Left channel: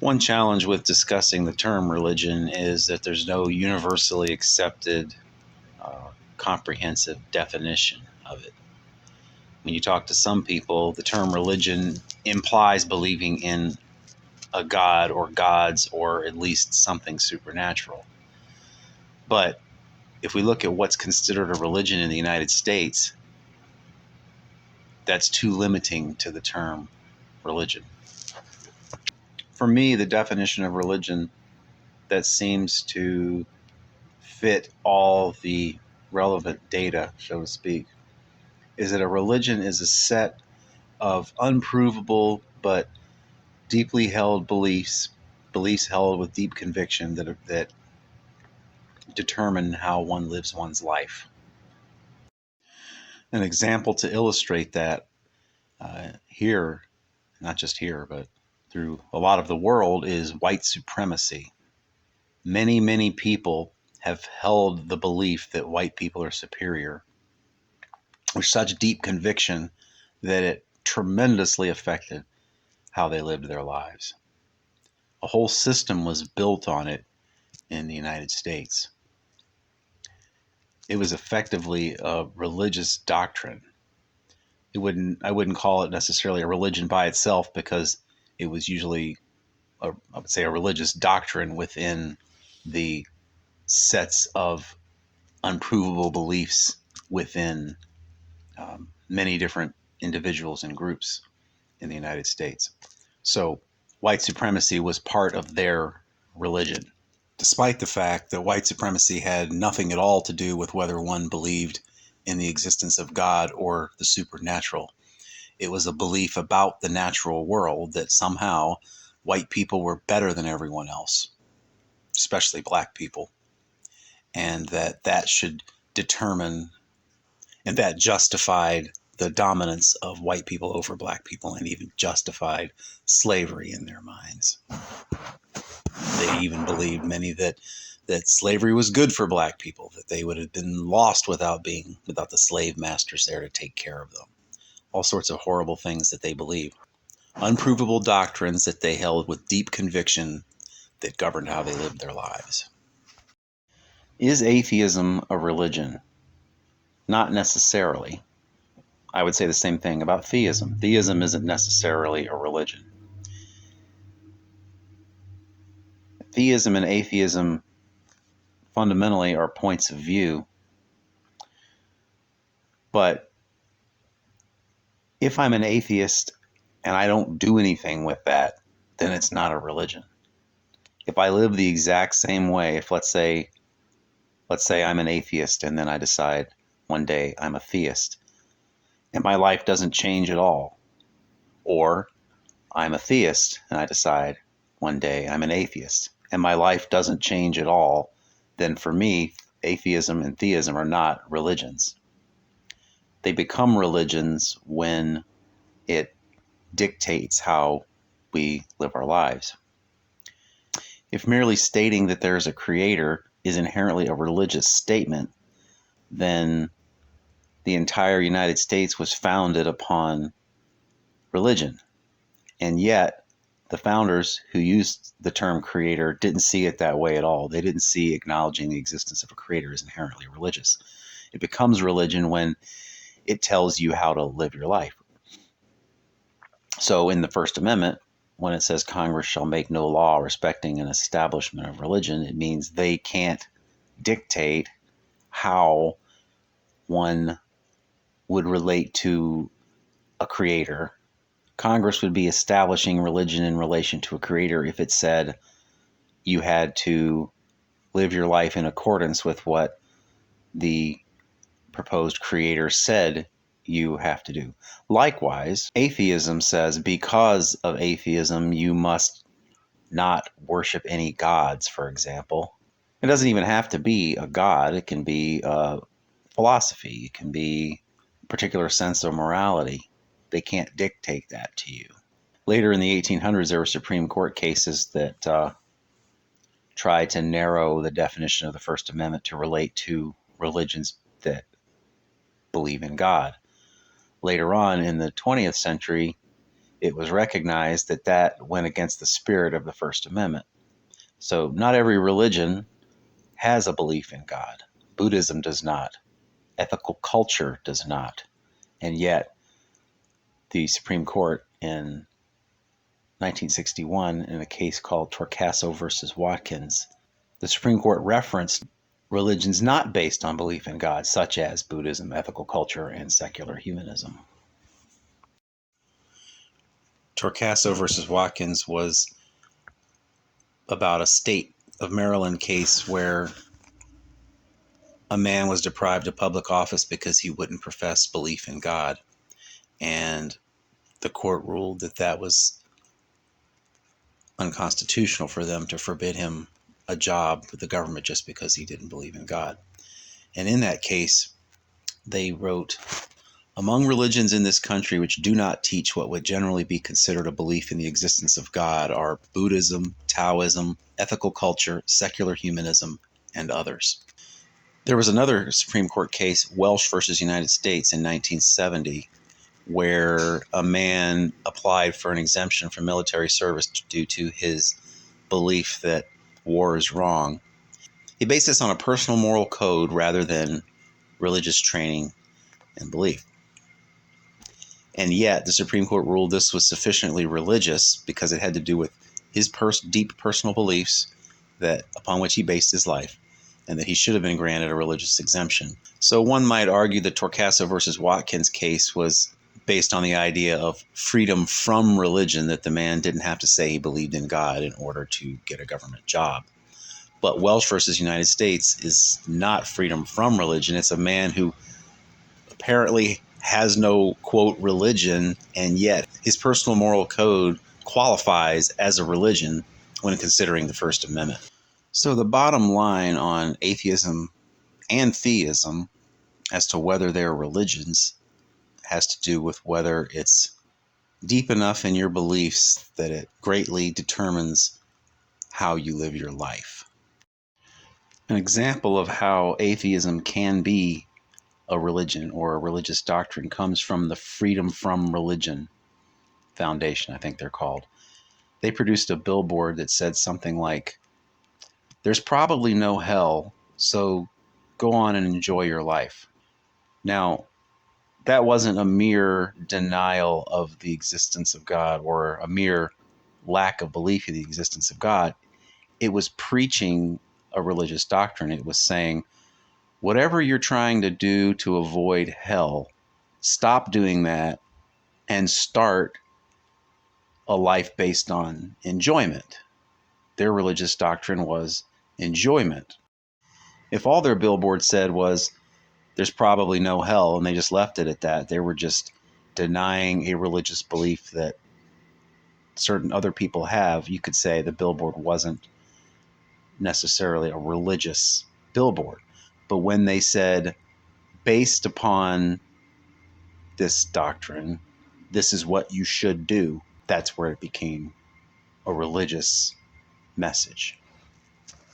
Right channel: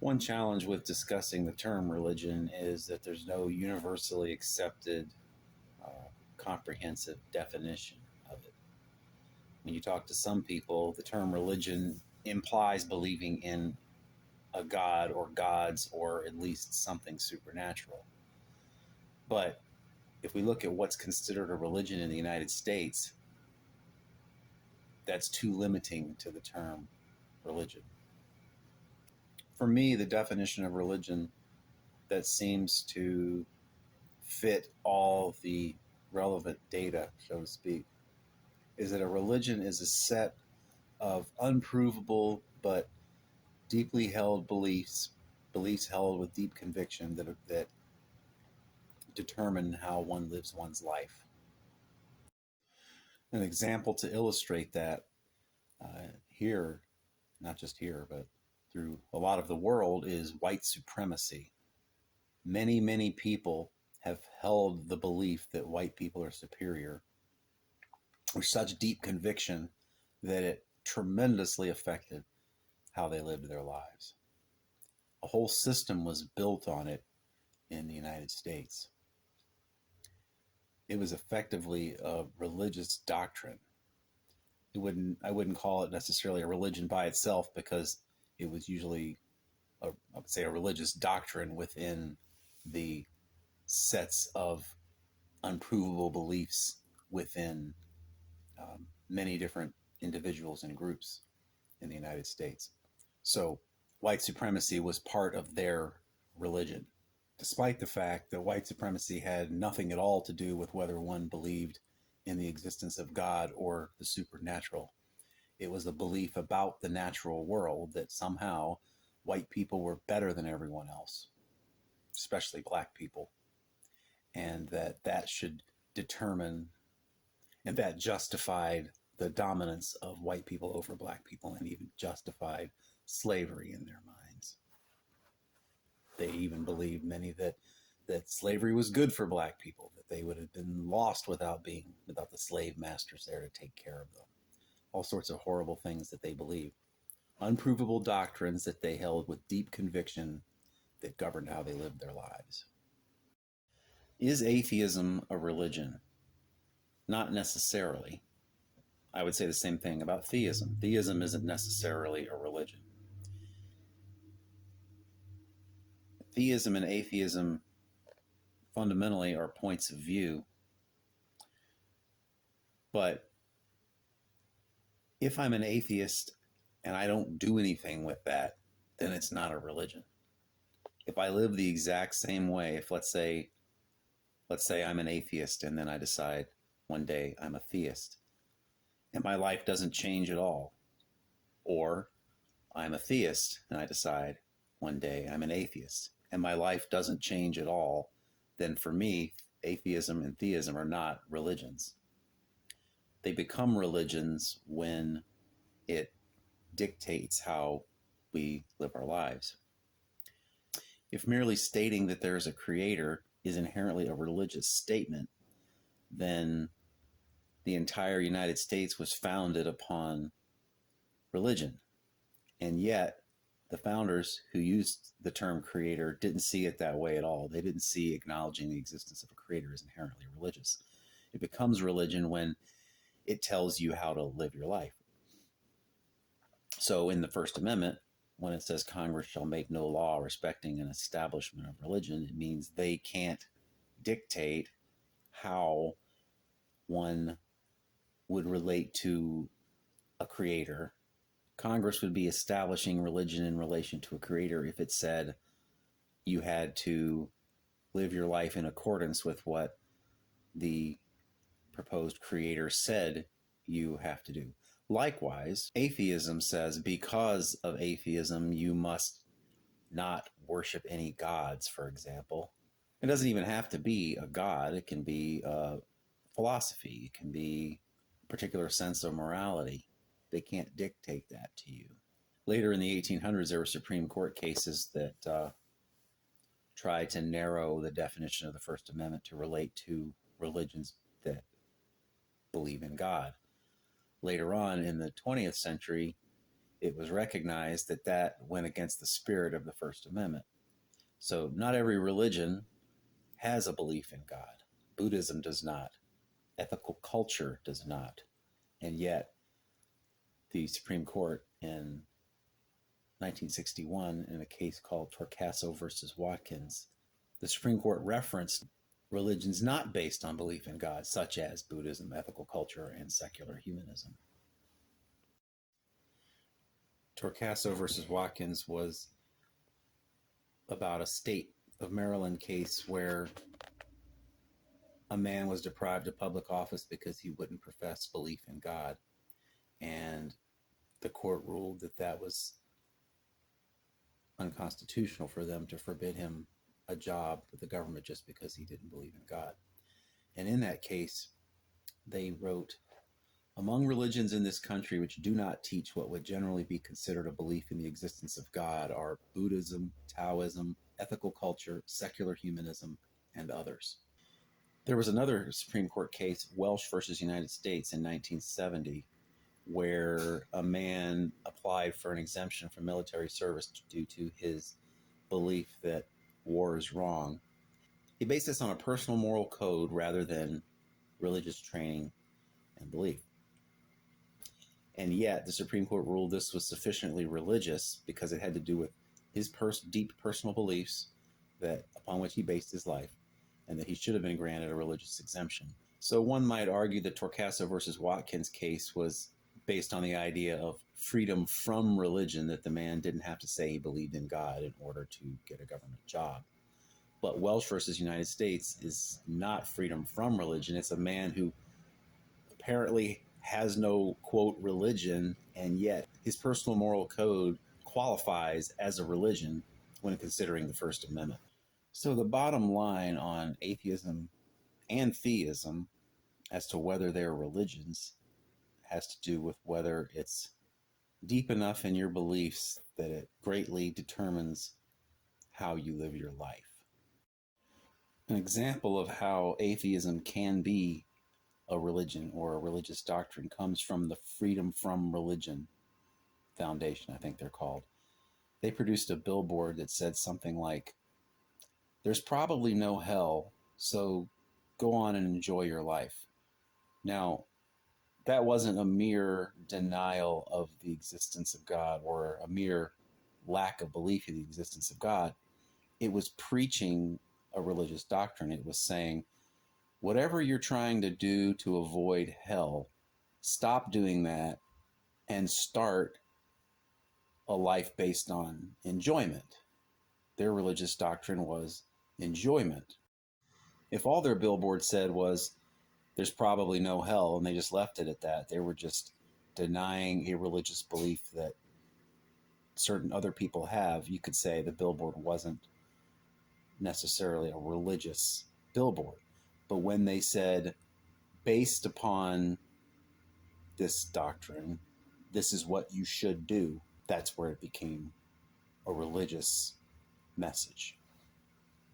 One challenge with discussing the term religion is that there's no universally accepted, comprehensive definition of it. When you talk to some people, the term religion implies believing in a god or gods or at least something supernatural. But if we look at what's considered a religion in the United States, that's too limiting to the term religion. For me, the definition of religion that seems to fit all the relevant data, so to speak, is that a religion is a set of unprovable but deeply held beliefs held with deep conviction that determine how one lives one's life. An example to illustrate that here, not just here, but through a lot of the world, is white supremacy. Many people have held the belief that white people are superior with such deep conviction that it tremendously affected how they lived their lives. A whole system was built on it in the United States. It was effectively a religious doctrine. I wouldn't call it necessarily a religion by itself, because it was usually I would say a religious doctrine within the sets of unprovable beliefs within many different individuals and groups in the United States. So white supremacy was part of their religion, despite the fact that white supremacy had nothing at all to do with whether one believed in the existence of God or the supernatural. It was a belief about the natural world that somehow white people were better than everyone else, especially black people, and that should determine, and that justified the dominance of white people over black people, and even justified slavery in their minds. They even believed, many, that slavery was good for black people, that they would have been lost without the slave masters there to take care of them. All sorts of horrible things that they believed. Unprovable doctrines that they held with deep conviction that governed how they lived their lives. Is atheism a religion? Not necessarily. I would say the same thing about theism. Theism isn't necessarily a religion. Theism and atheism fundamentally are points of view. But if I'm an atheist and I don't do anything with that, then it's not a religion. If I live the exact same way, if let's say I'm an atheist and then I decide one day I'm a theist, and my life doesn't change at all, or I'm a theist and I decide one day I'm an atheist and my life doesn't change at all, then for me, atheism and theism are not religions. They become religions when it dictates how we live our lives. If merely stating that there is a creator is inherently a religious statement, then the entire United States was founded upon religion. And yet, the founders who used the term creator didn't see it that way at all. They didn't see acknowledging the existence of a creator as inherently religious. It becomes religion when it tells you how to live your life. So in the First Amendment, when it says Congress shall make no law respecting an establishment of religion, it means they can't dictate how one would relate to a creator. Congress would be establishing religion in relation to a creator if it said you had to live your life in accordance with what the proposed creator said you have to do. Likewise, atheism says because of atheism, you must not worship any gods, for example. It doesn't even have to be a god. It can be a philosophy. It can be a particular sense of morality. They can't dictate that to you. Later in the 1800s, there were Supreme Court cases that tried to narrow the definition of the First Amendment to relate to religions that believe in God. Later on in the 20th century, it was recognized that that went against the spirit of the First Amendment. So not every religion has a belief in God. Buddhism does not. Ethical culture does not. And yet, the Supreme Court in 1961, in a case called Torcaso versus Watkins, the Supreme Court referenced religions not based on belief in God, such as Buddhism, ethical culture, and secular humanism. Torcaso versus Watkins was about a state of Maryland case where a man was deprived of public office because he wouldn't profess belief in God. And the court ruled that that was unconstitutional for them to forbid him a job with the government just because he didn't believe in God. And in that case, they wrote, among religions in this country which do not teach what would generally be considered a belief in the existence of God are Buddhism, Taoism, ethical culture, secular humanism, and others. There was another Supreme Court case, Welsh versus United States, in 1970, where a man applied for an exemption from military service due to his belief that war is wrong. He based this on a personal moral code rather than religious training and belief. And yet the Supreme Court ruled this was sufficiently religious because it had to do with his deep personal beliefs that upon which he based his life, and that he should have been granted a religious exemption. So one might argue the Torcaso versus Watkins case was based on the idea of freedom from religion, that the man didn't have to say he believed in God in order to get a government job. But Welsh versus United States is not freedom from religion. It's a man who apparently has no, quote, religion, and yet his personal moral code qualifies as a religion when considering the First Amendment. So the bottom line on atheism and theism as to whether they're religions has to do with whether it's deep enough in your beliefs that it greatly determines how you live your life. An example of how atheism can be a religion or a religious doctrine comes from the Freedom from Religion Foundation, I think they're called. They produced a billboard that said something like, "There's probably no hell, so go on and enjoy your life." Now, that wasn't a mere denial of the existence of God or a mere lack of belief in the existence of God. It was preaching a religious doctrine. It was saying, whatever you're trying to do to avoid hell, stop doing that and start a life based on enjoyment. Their religious doctrine was enjoyment. If all their billboard said was, there's probably no hell, and they just left it at that, they were just denying a religious belief that certain other people have, you could say the billboard wasn't necessarily a religious billboard. But when they said, based upon this doctrine, this is what you should do, that's where it became a religious message.